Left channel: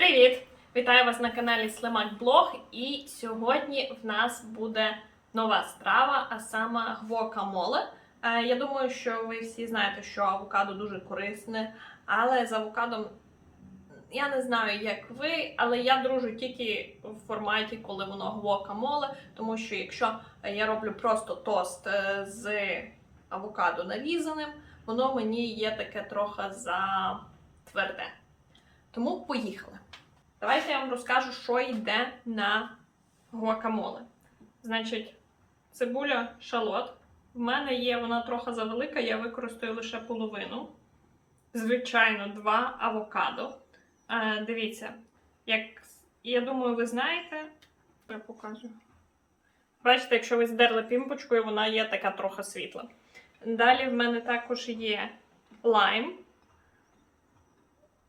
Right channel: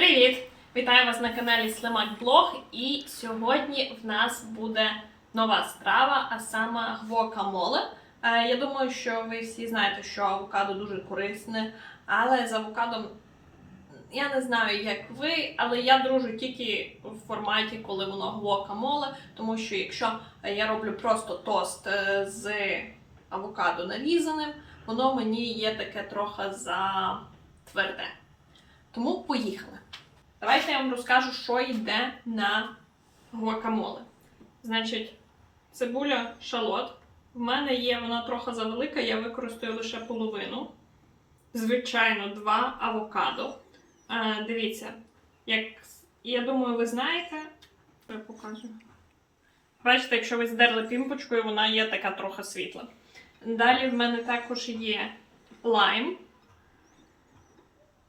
Привіт! Вітаю вас на каналі Слимак Блог. І сьогодні в нас буде нова страва, а саме гвокамоле. Е, Я думаю, що ви всі знаєте, що авокадо дуже корисне, але з авокадом я не знаю, як ви, але я дружу тільки в форматі, коли воно гвокамоле, тому що якщо я роблю просто тост е, з авокадо нарізаним, воно мені є таке трохи за тверде. Тому поїхали. Давайте я вам розкажу, що йде на гуакамоле. Значить, цибуля шалот. В мене є вона трохи завелика, я використаю лише половину. Звичайно, два авокадо. Е, дивіться, як я думаю, ви знаєте. Я покажу. Бачите, якщо ви здерли пімпочкою, вона є така трохи світла. Далі в мене також є лайм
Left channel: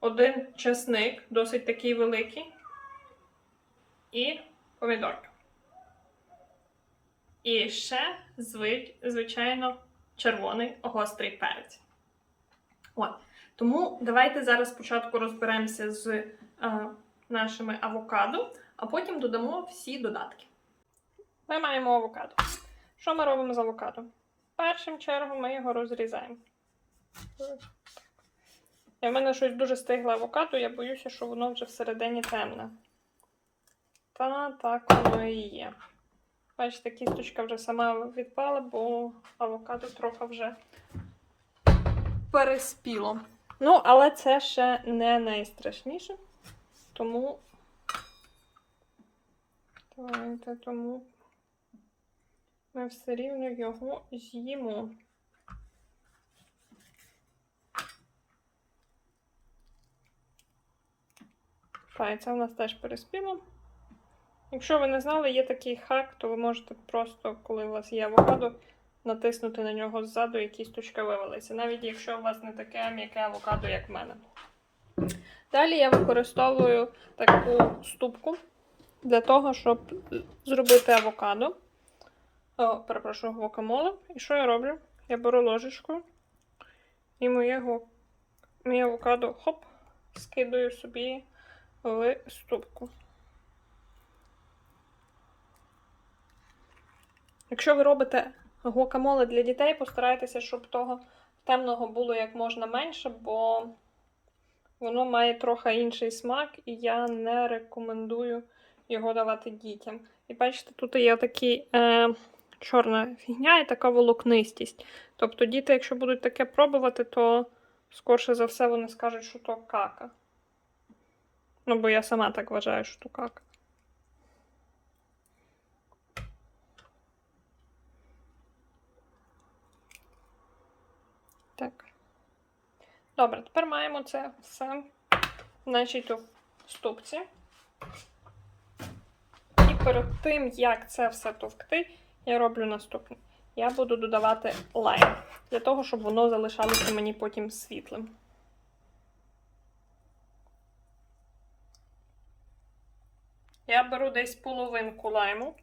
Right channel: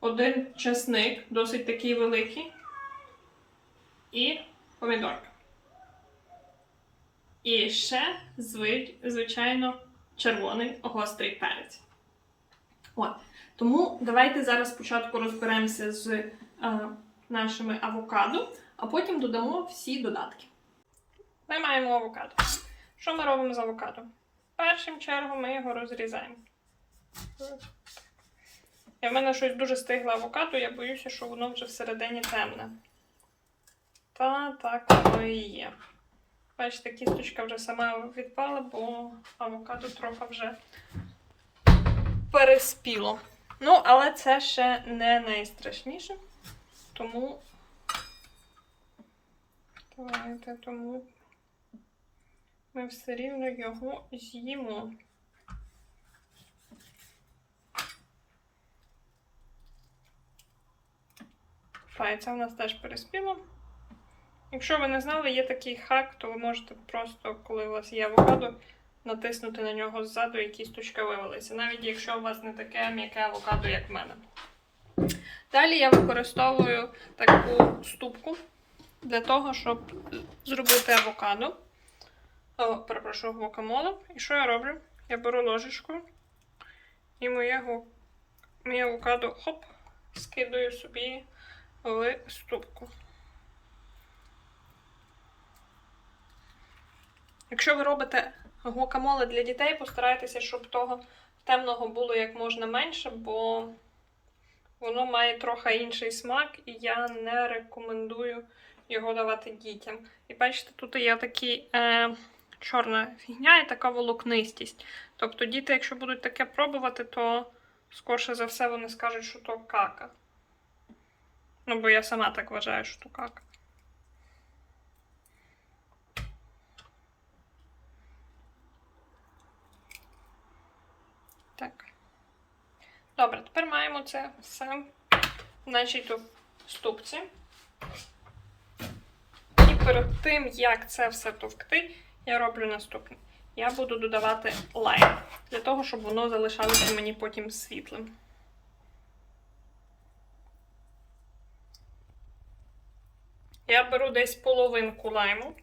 один чесник, досить такий великий, і помідорка. І ще, зви- звичайно, червоний гострий перець. От. Тому давайте зараз спочатку розберемося з е, нашими авокадо, а потім додамо всі додатки. Ми маємо авокадо. Що ми робимо з авокадо? Першим чергом ми його розрізаємо. І в мене щось дуже стигле авокадо, я боюся, що воно вже всередині темне. Та так воно і є. Бачите, кісточка вже сама відпала, бо авокадо трохи вже переспіло. Ну, але це ще не найстрашніше. Тому. Тому ми все рівно його з'їмо. Так, це у нас теж переспіло. Якщо ви не знали, є такий хак, то ви можете просто, коли у вас є авокадо, натиснути на нього ззаду і кісточка вивалиться. Навіть якщо у вас не таке м'яке авокадо, як в мене. Далі я використовую таку ступку для того, щоб зробити авокадо. О, перепрошую, гвокамоле. І що я роблю? Я беру ложечку і моє, моє авокадо хоп, скидаю собі в ступку. Якщо ви робите гуакамоле для дітей, постарайтеся, щоб того темного було як можна менше, бо воно має трохи інший смак, і я не рекомендую його давати дітям. І бачите, тут є такі е, чорна фігня і така волокнистість. Тобто діти, якщо будуть таке пробувати, то скорше за все вони скажуть, що то кака. Ну, бо я сама так вважаю, що то. Так. Добре, тепер маємо це все, значить, у ступці. І перед тим, як це все товкти, я роблю наступне. Я буду додавати лайм, для того, щоб воно залишалося мені потім світлим. Я беру десь половинку лайму.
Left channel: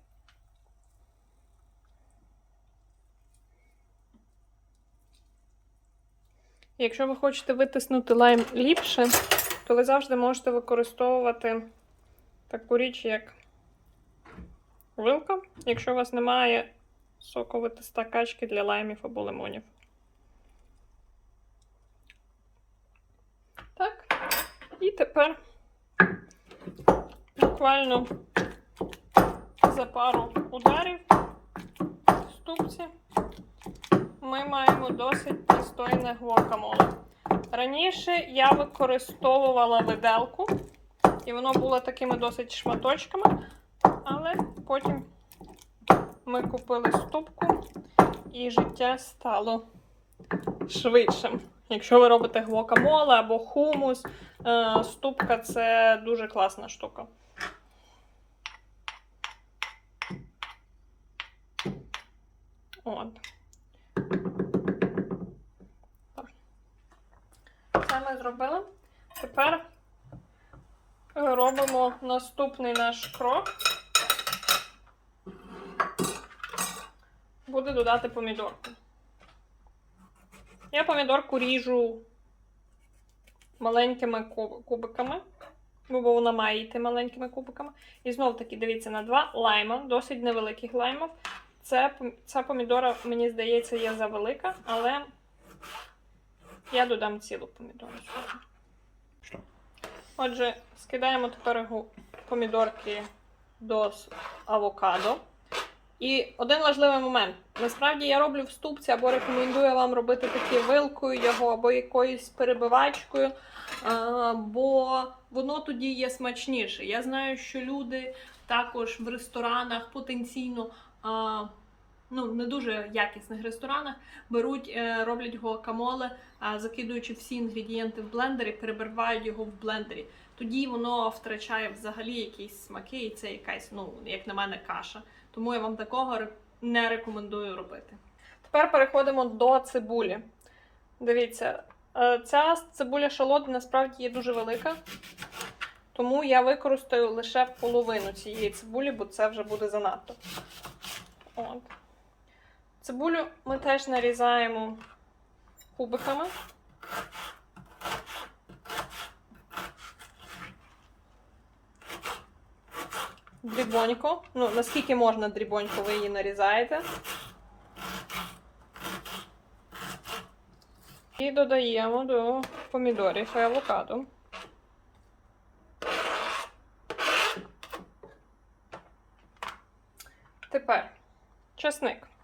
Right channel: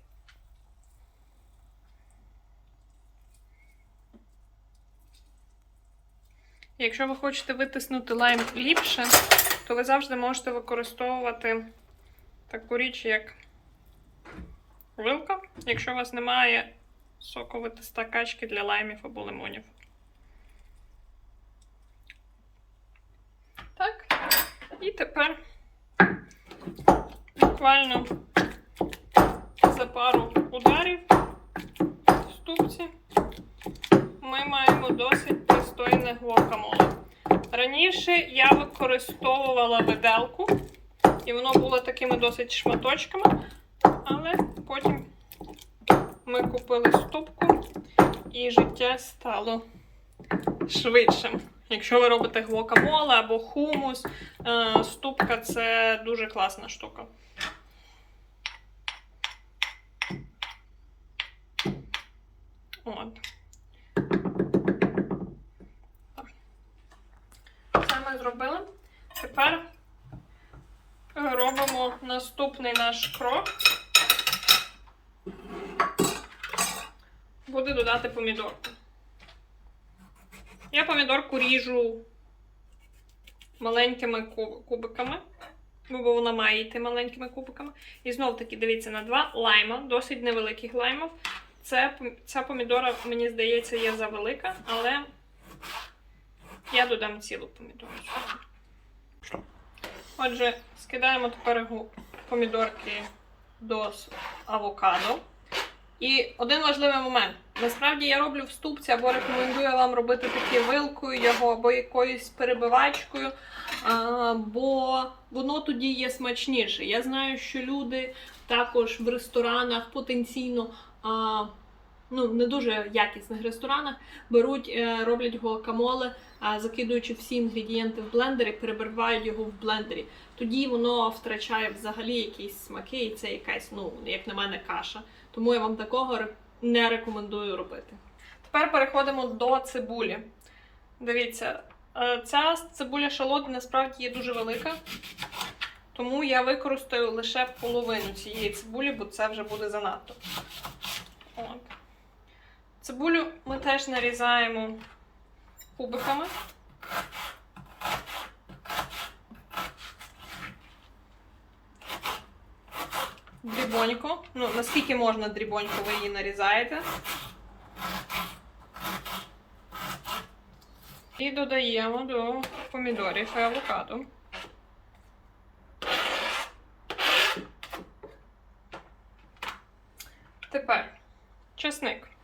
Якщо ви хочете витиснути лайм ліпше, то ви завжди можете використовувати таку річ, як вилка, якщо у вас немає соковитиста качки для лаймів або лимонів. Так. І тепер буквально за пару ударів в ступці ми маємо досить пристойне гуакамоле. Раніше я використовувала виделку, і воно було такими досить шматочками, але потім ми купили ступку і життя стало швидшим. Якщо ви робите гуакамоле або хумус, е, ступка це дуже класна штука. От. Це ми зробили. Тепер робимо наступний наш крок. Буде додати помідорку. Я помідорку ріжу маленькими кубиками. бо вона має йти маленькими кубиками. І знов таки дивіться на два лайма, досить невеликих лаймів. Це, ця помідора, мені здається, є завелика, але я додам цілу помідору. Що? Отже, скидаємо тепер помідорки до авокадо. І один важливий момент. Насправді я роблю в ступці або рекомендую вам робити такі вилкою його, або якоюсь перебивачкою, а, бо воно тоді є смачніше. Я знаю, що люди також в ресторанах потенційно. А, Ну, не дуже якісних ресторанах беруть, е, роблять гуакамоле, закидуючи всі інгредієнти в блендері, перебивають його в блендері. Тоді воно втрачає взагалі якісь смаки, і це якась, ну, як на мене, каша. Тому я вам такого не рекомендую робити. Тепер переходимо до цибулі. Дивіться, е, ця цибуля шалот насправді є дуже велика. Тому я використаю лише половину цієї цибулі, бо це вже буде занадто. От. Цибулю ми теж нарізаємо кубиками. Дрібонько. Ну, наскільки можна дрібонько ви її нарізаєте. І додаємо до помідорів і авокадо. Тепер чесник.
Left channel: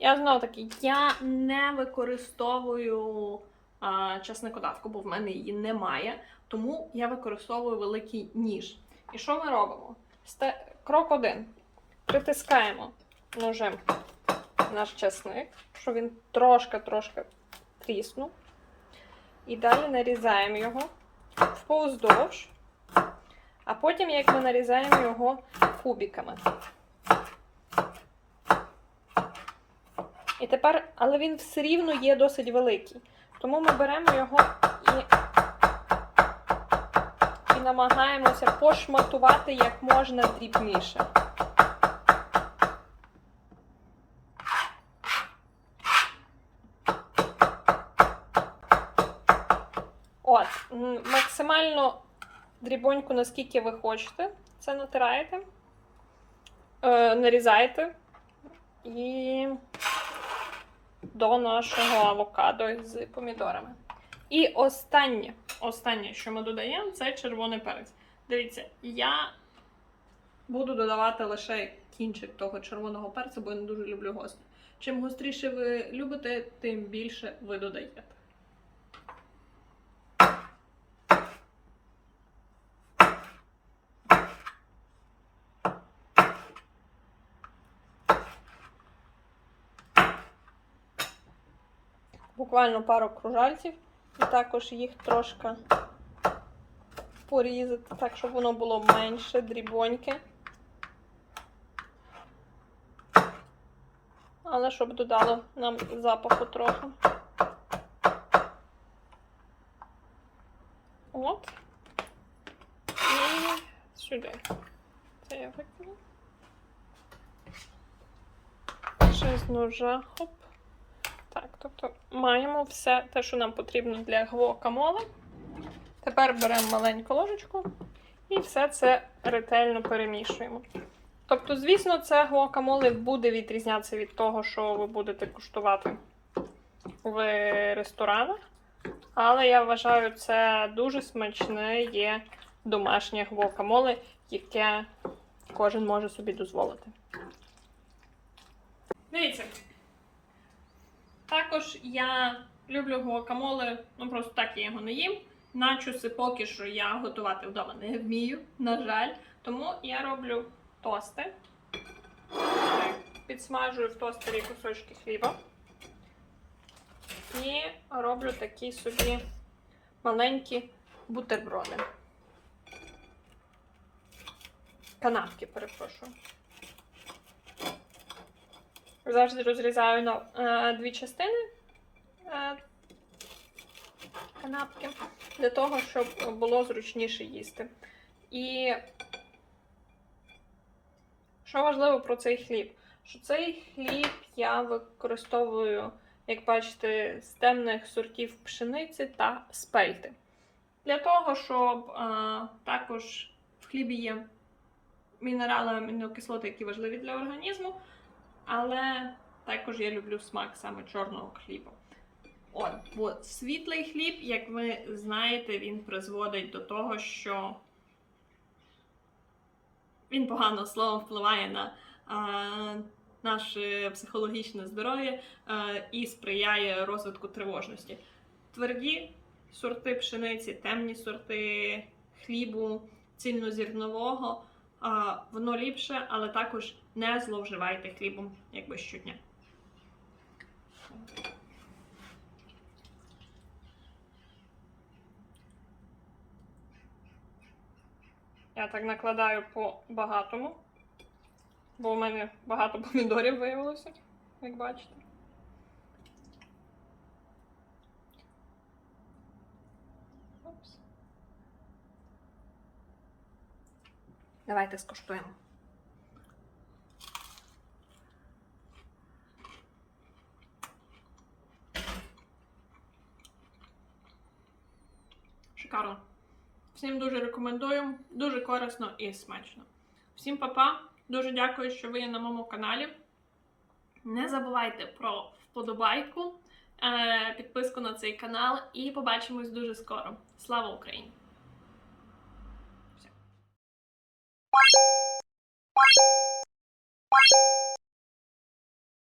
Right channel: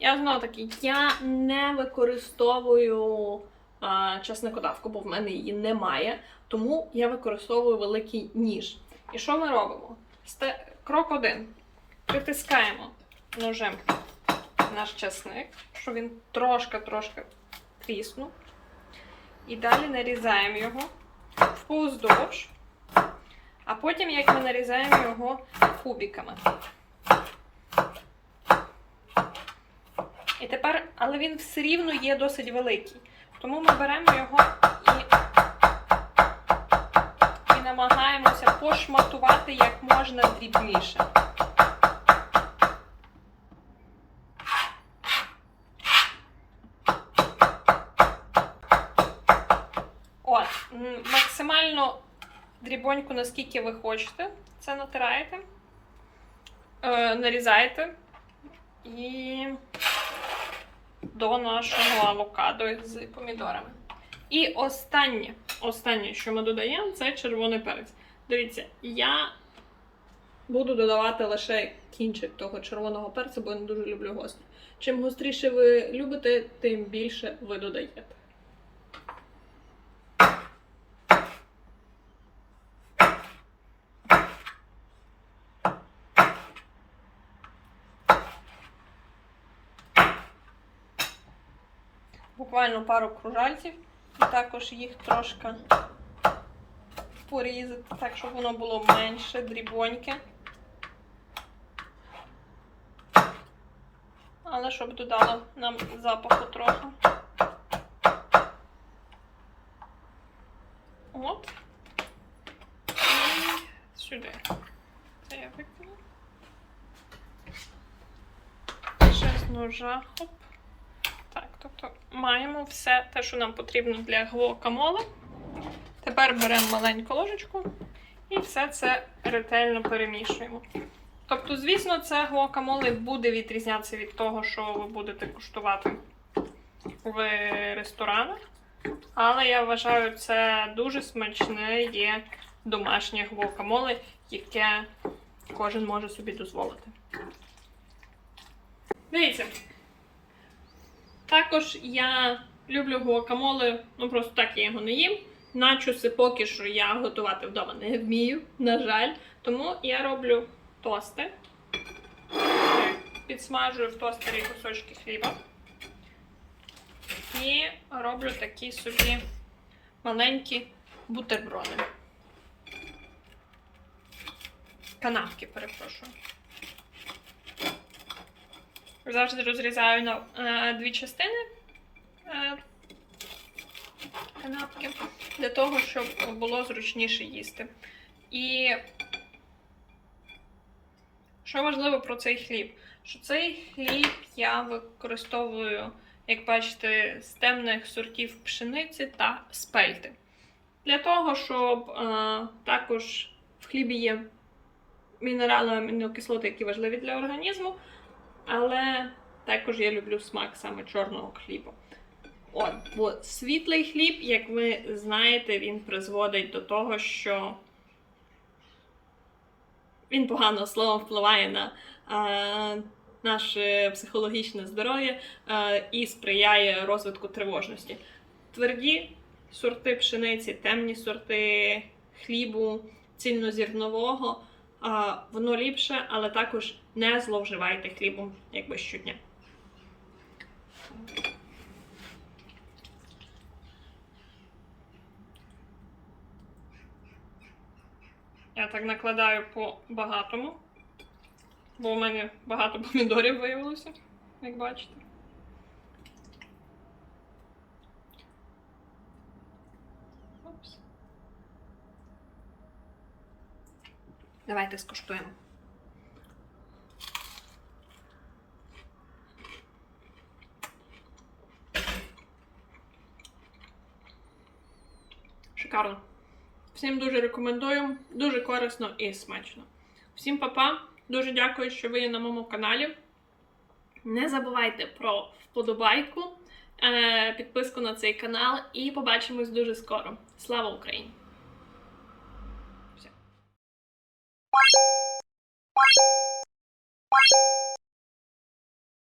Я знов таки, я не використовую а, чесникодавку, бо в мене її немає. Тому я використовую великий ніж. І що ми робимо? Крок один. Притискаємо ножем наш чесник, щоб він трошки-трошки тріснув. І далі нарізаємо його вповздовж. А потім, як ми нарізаємо його кубиками. І тепер, але він все рівно є досить великий. Тому ми беремо його і, і намагаємося пошматувати як можна дрібніше. От, максимально дрібоньку, наскільки ви хочете, це натираєте, е, нарізаєте і до нашого авокадо з помідорами. І останнє, останнє, що ми додаємо, це червоний перець. Дивіться, я буду додавати лише кінчик того червоного перцю, бо я не дуже люблю гострий. Чим гостріше ви любите, тим більше ви додаєте. Буквально пару кружальців, і також їх трошки порізати, так, щоб воно було менше, дрібоньке. Але щоб додало нам запаху трохи. От. І сюди. Це я викину. Ще з ножа. Хоп. Тобто маємо все те, що нам потрібно для гвокамоле. Тепер беремо маленьку ложечку і все це ретельно перемішуємо. Тобто, звісно, це гуакамоле буде відрізнятися від того, що ви будете куштувати в ресторанах. Але я вважаю, це дуже смачне є домашнє гуакамоле, яке кожен може собі дозволити. Дивіться. Також я люблю гуакамоле, ну просто так я його не їм. Начоси поки що я готувати вдома не вмію, на жаль. Тому я роблю тости. Підсмажую в тостері кусочки хліба. І роблю такі собі маленькі бутерброди. Канапки, перепрошую. Завжди розрізаю на е, дві частини е, канапки для того, щоб було зручніше їсти. І що важливо про цей хліб? Що цей хліб я використовую, як бачите, з темних сортів пшениці та спельти. Для того, щоб е, також в хлібі є мінерали, амінокислоти, які важливі для організму, але також я люблю смак саме чорного хлібу. От, бо світлий хліб, як ви знаєте, він призводить до того, що він погано словом впливає на е, наше психологічне здоров'я і сприяє розвитку тривожності. Тверді сорти пшениці, темні сорти хлібу, цільнозірнового, воно ліпше, але також не зловживайте хлібом якби щодня. Я так накладаю по багатому, бо у мене багато помідорів виявилося, як бачите. Давайте скуштуємо. Шикарно. Всім дуже рекомендую, дуже корисно і смачно. Всім па-па, дуже дякую, що ви є на моєму каналі. Не забувайте про вподобайку, е, підписку на цей канал і побачимось дуже скоро. Слава Україні! Все.